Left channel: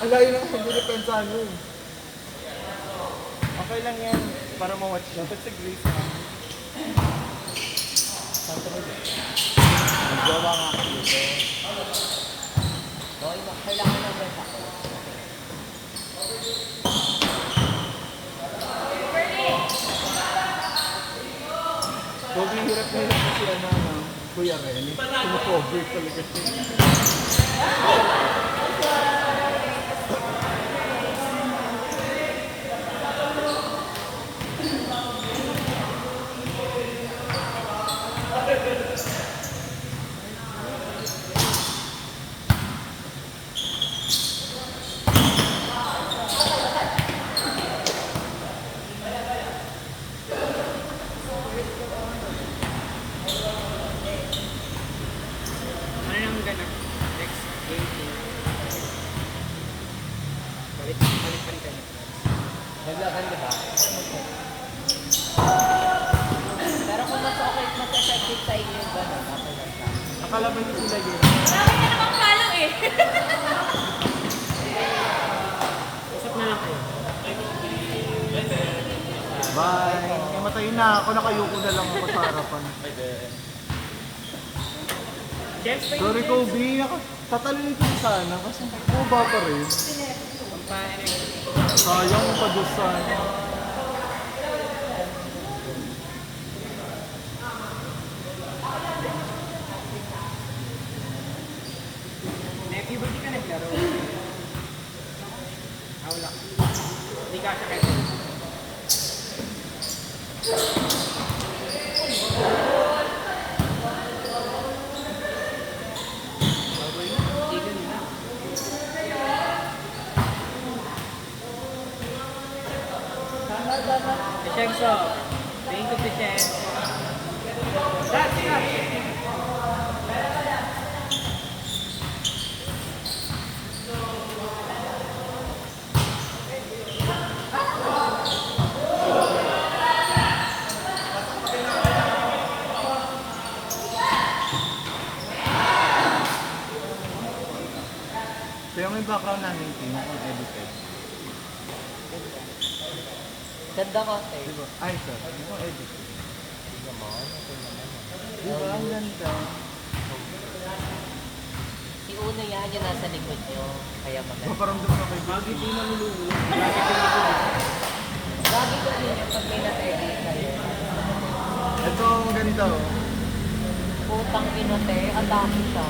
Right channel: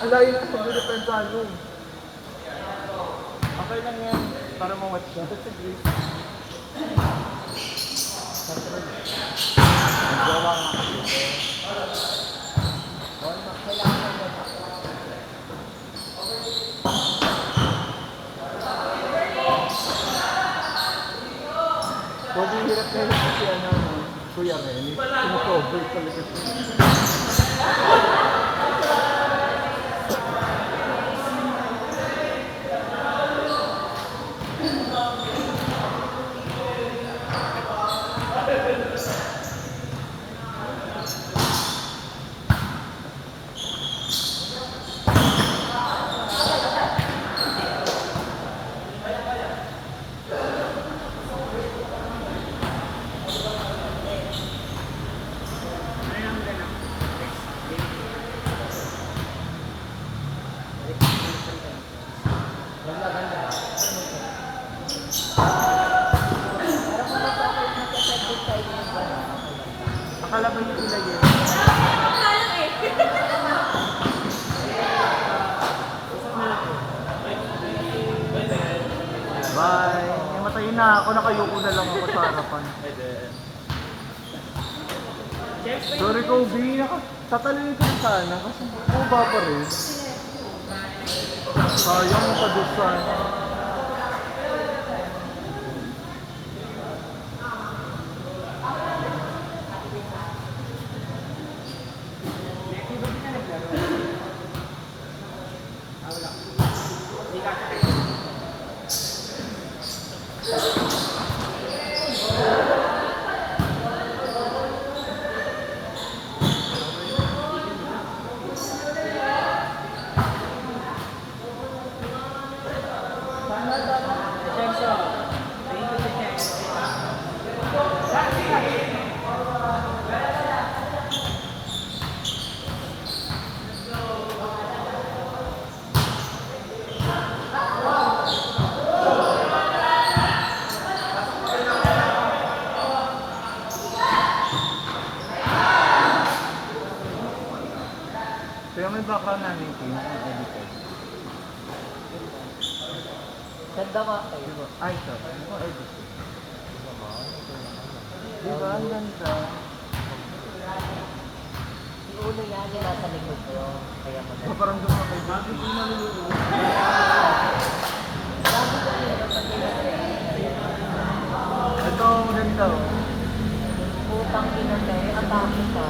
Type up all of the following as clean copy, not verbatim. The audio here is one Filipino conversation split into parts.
Ang layo na kasi depensa ano. Okay lang yan, para ma-watch yun. Sa Greece. Naggawa nga ako dito. Kailangan na Bobi, hirap na hirap kasi ano, Kuya Ren. Tumakover talaga siya. Pero kung mas okay, mas effective sa inyo ba? Akala ba hindi sila yun? Kalang eh. Bye! Matayin na ako, nakayuko na lang ako sa harapan. Sorry Kobe, tatalin ko sana kasi buba pa rin. Sayang mo pa doon sana. Kaya may background na hindi na kung edited. Ganda ka eh. Diba? Ay, ito. Ano kung edited? Diba? Ang ganda. Si Uno yan, yung nasa likod nyo. Kaya mo na. Paparamdam na kayo. Hindi ko na niluluwa. Lagi ko yun yung pag may na-training. Ito ang ganito. Putang inote, atake ka.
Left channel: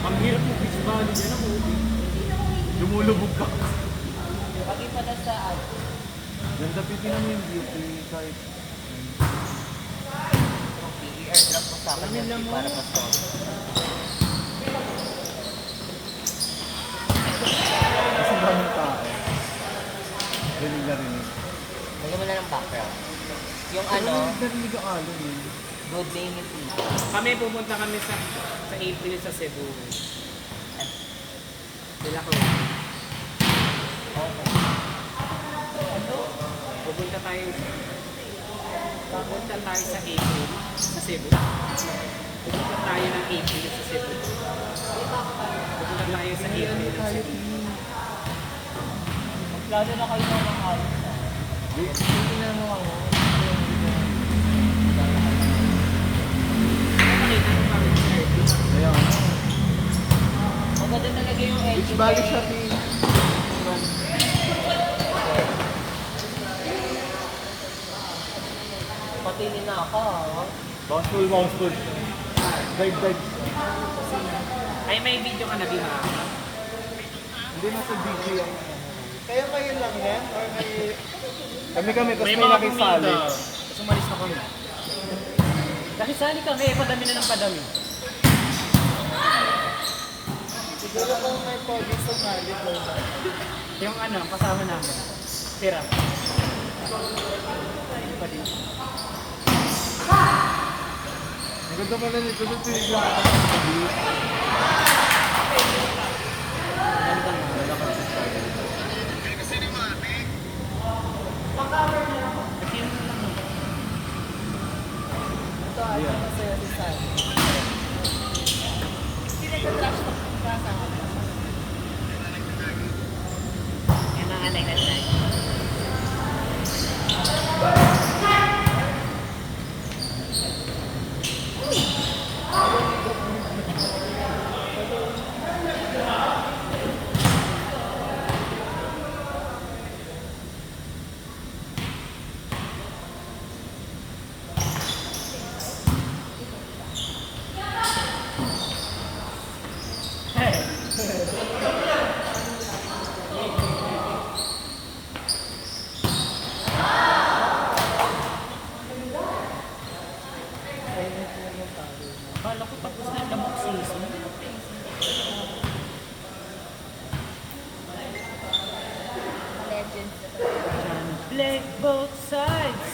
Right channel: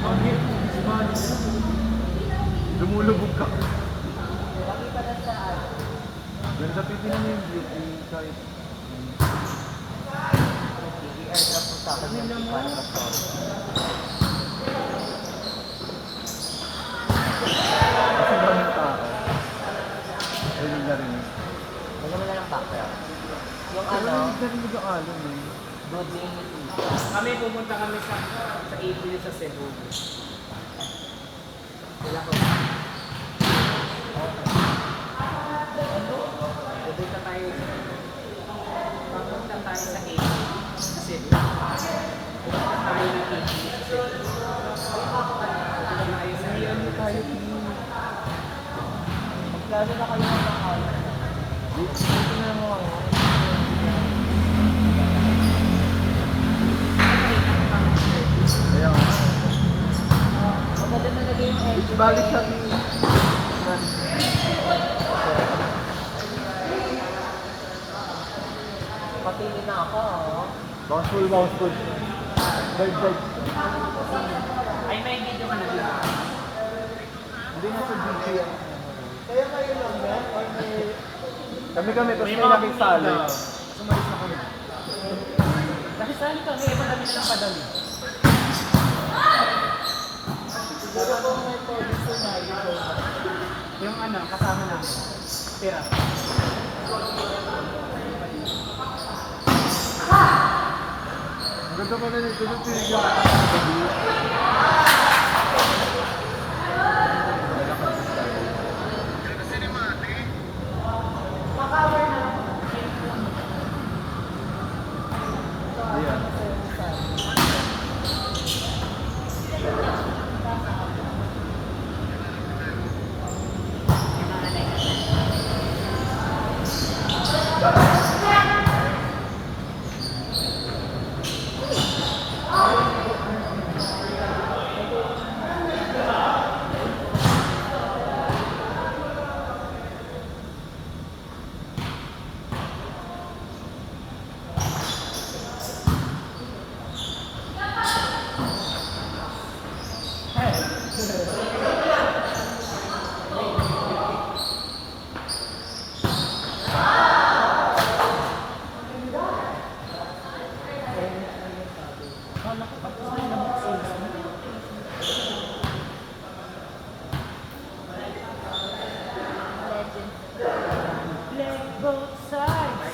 Ang hirap mo pisbali niya na Lumulubog ka. Pag-ipa na sa ano. Ganda pipinan mo yung beauty kahit. I-airdrop mo sa akin yung para ma-solve. Kasi daming tao. Rinig na rinig. Lagyan mo na ng background. Yung Pero ano, rinig na rinig ang alon eh. good name is easy. Kami pumunta kami sa April sa Cebu. Sila ko. Pupunta tayo sa April sa Cebu. Pupunta tayo ng April sa Cebu. Pupunta tayo sa April Ano sa tayo Cebu. team? Magplano na kayo ng house. Dito na mo ako. Kaya nga. Maganda talaga yung engine. Beach Valley siya team. Mapili na ako. Bounce full. Dive. Ay, na, di ba? Hindi na sa DJ yan. Kaya kayo lang yan? Kami, tapos may nakisali. Sumalis na kami. Dahil sali kami, padami na ng padami. Siguro po may pwede sumali ko. Yung ano, kasama namin. Tira. Ang ganda pala nito yung pinigyan ka sa gabi. Yung mga nag-anay. Kala ko tapos na yung lamok season. Legends. Play both sides.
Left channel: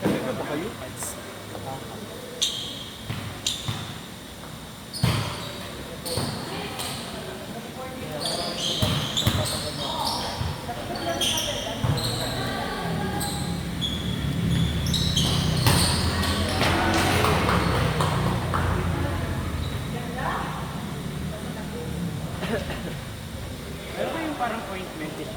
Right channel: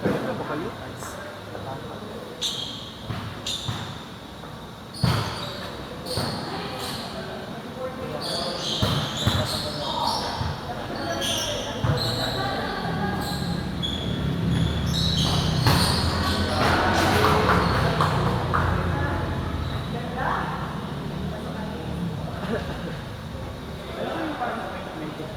Talaga ba kayo? Ano ba yung parang appointment din?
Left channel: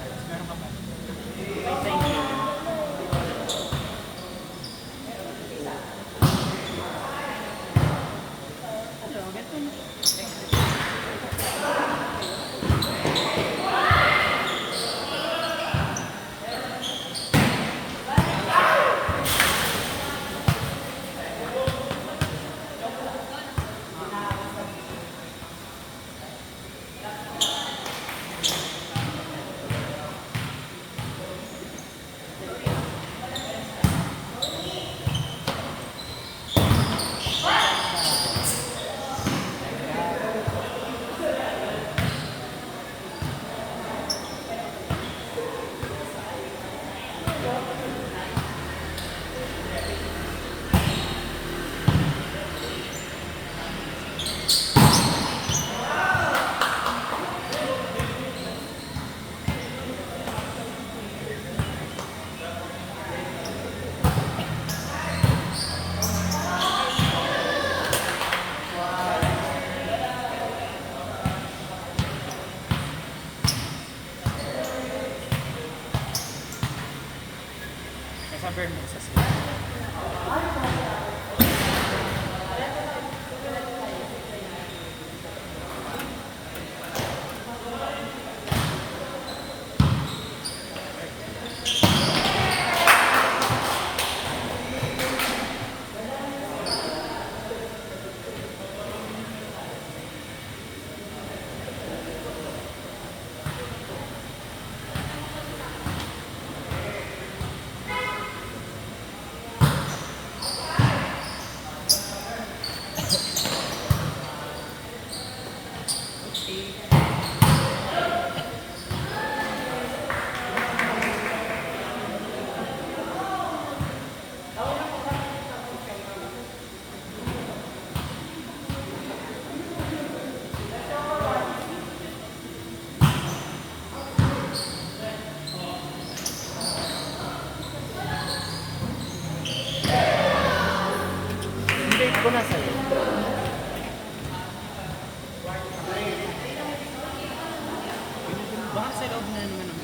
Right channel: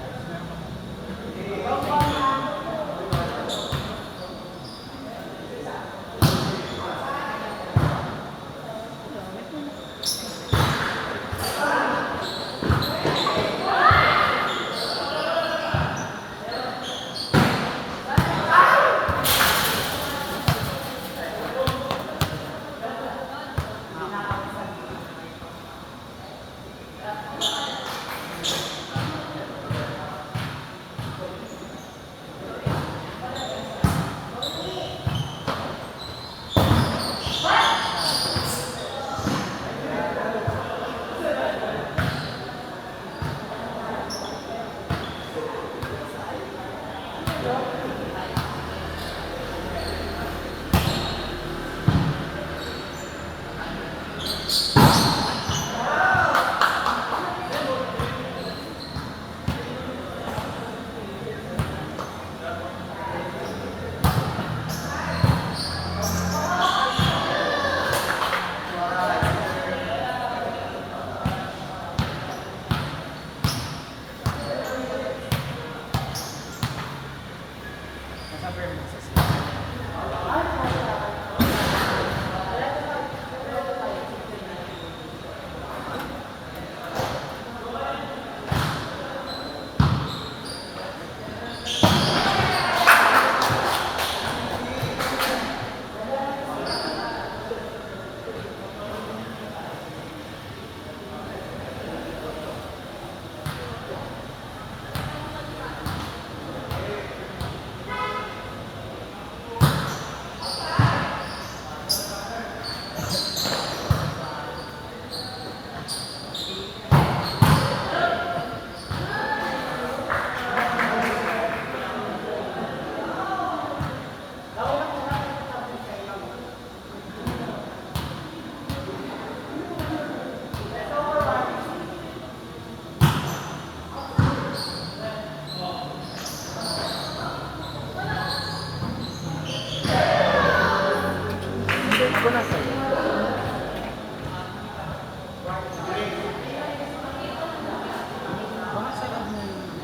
Sa Vermont, sa Cebu. Hindi ko na sa'yo. Baka sa loob na naman ako.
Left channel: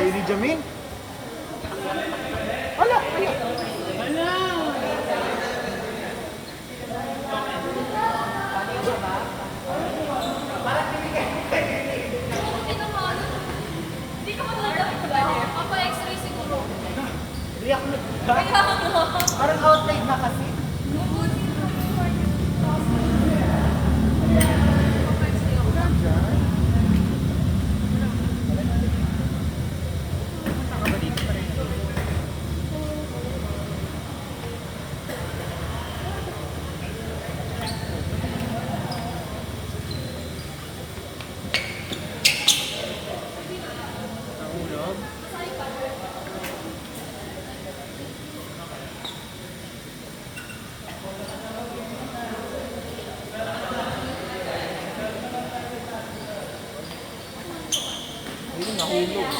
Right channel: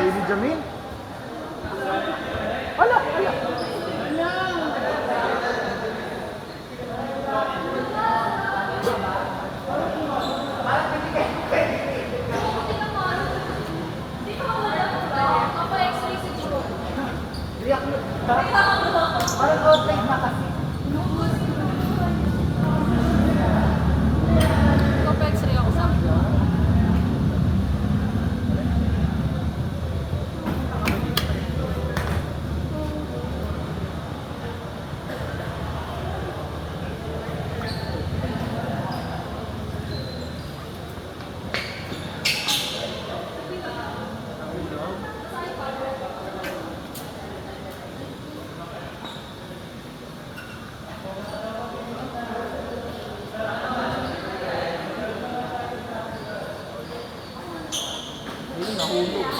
Lady Jamin? Ala! Ala! Papa-X-ray siguro. Riyak mo ba? Parang outline na kasi. Papa-X-ray ako. Hindi nahulog.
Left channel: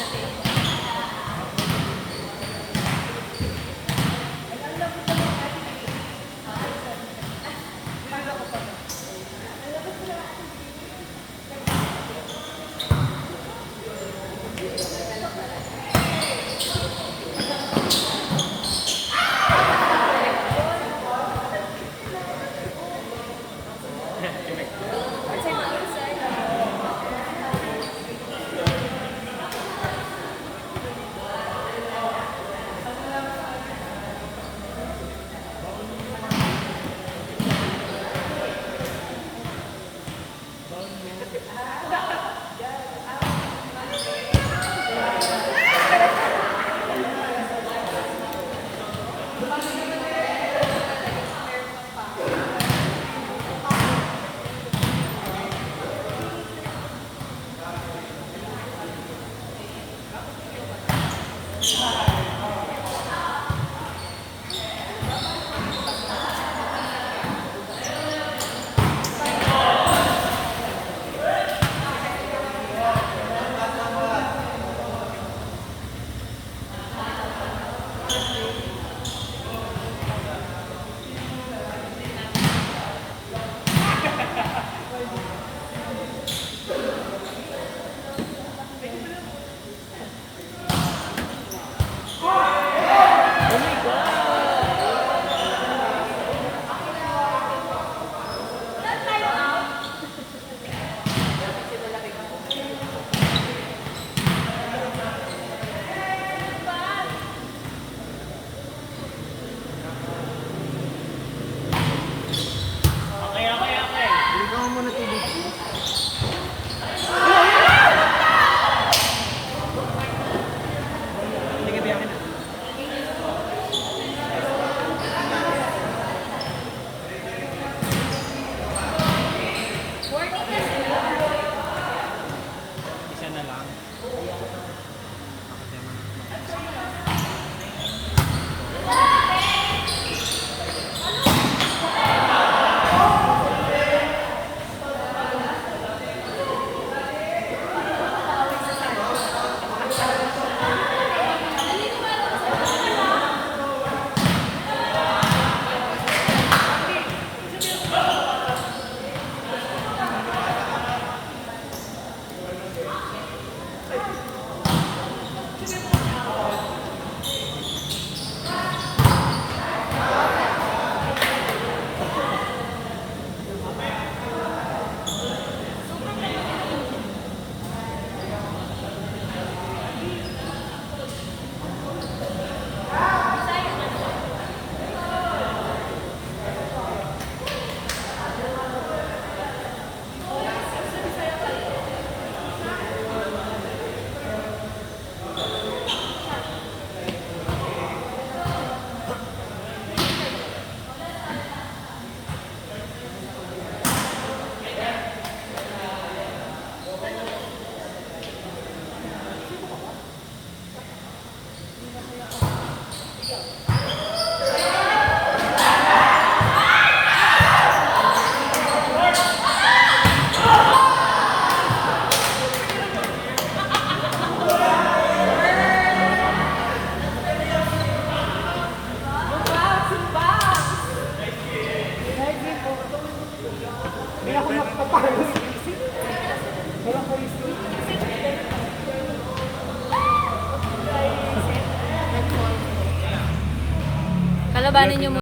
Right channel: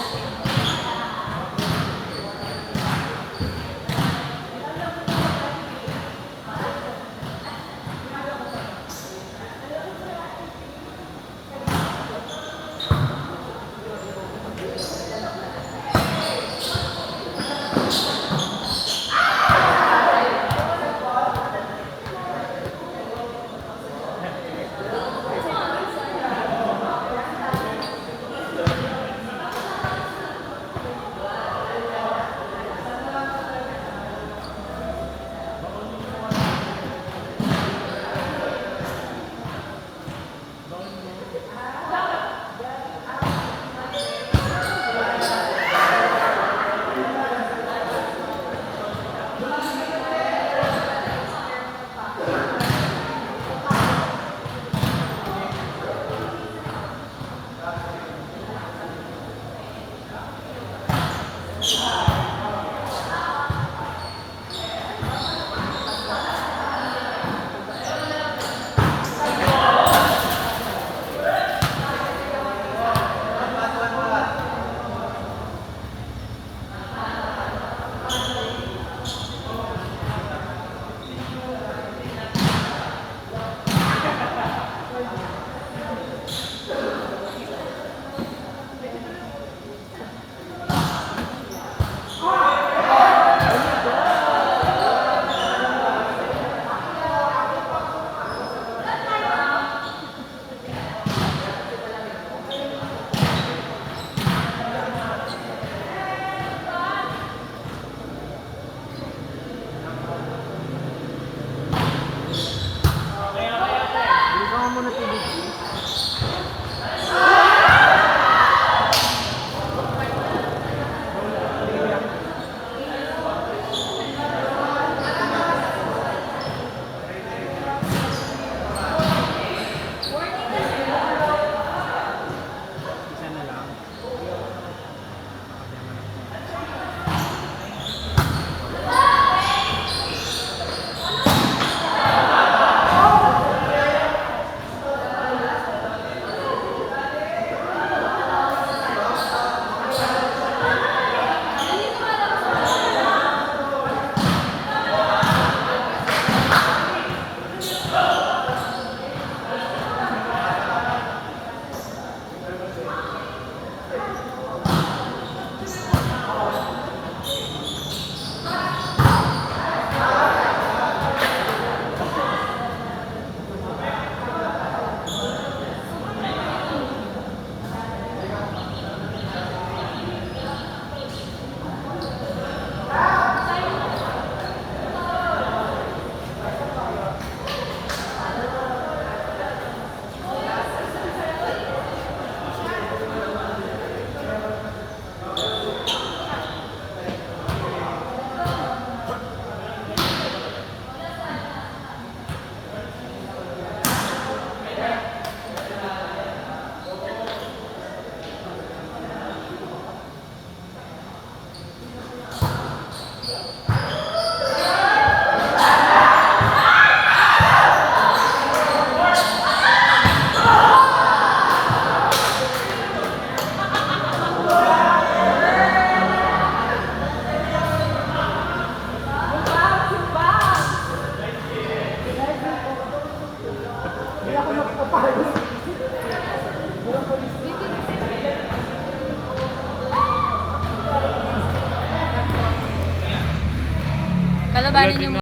Bili ka mo muna tubig.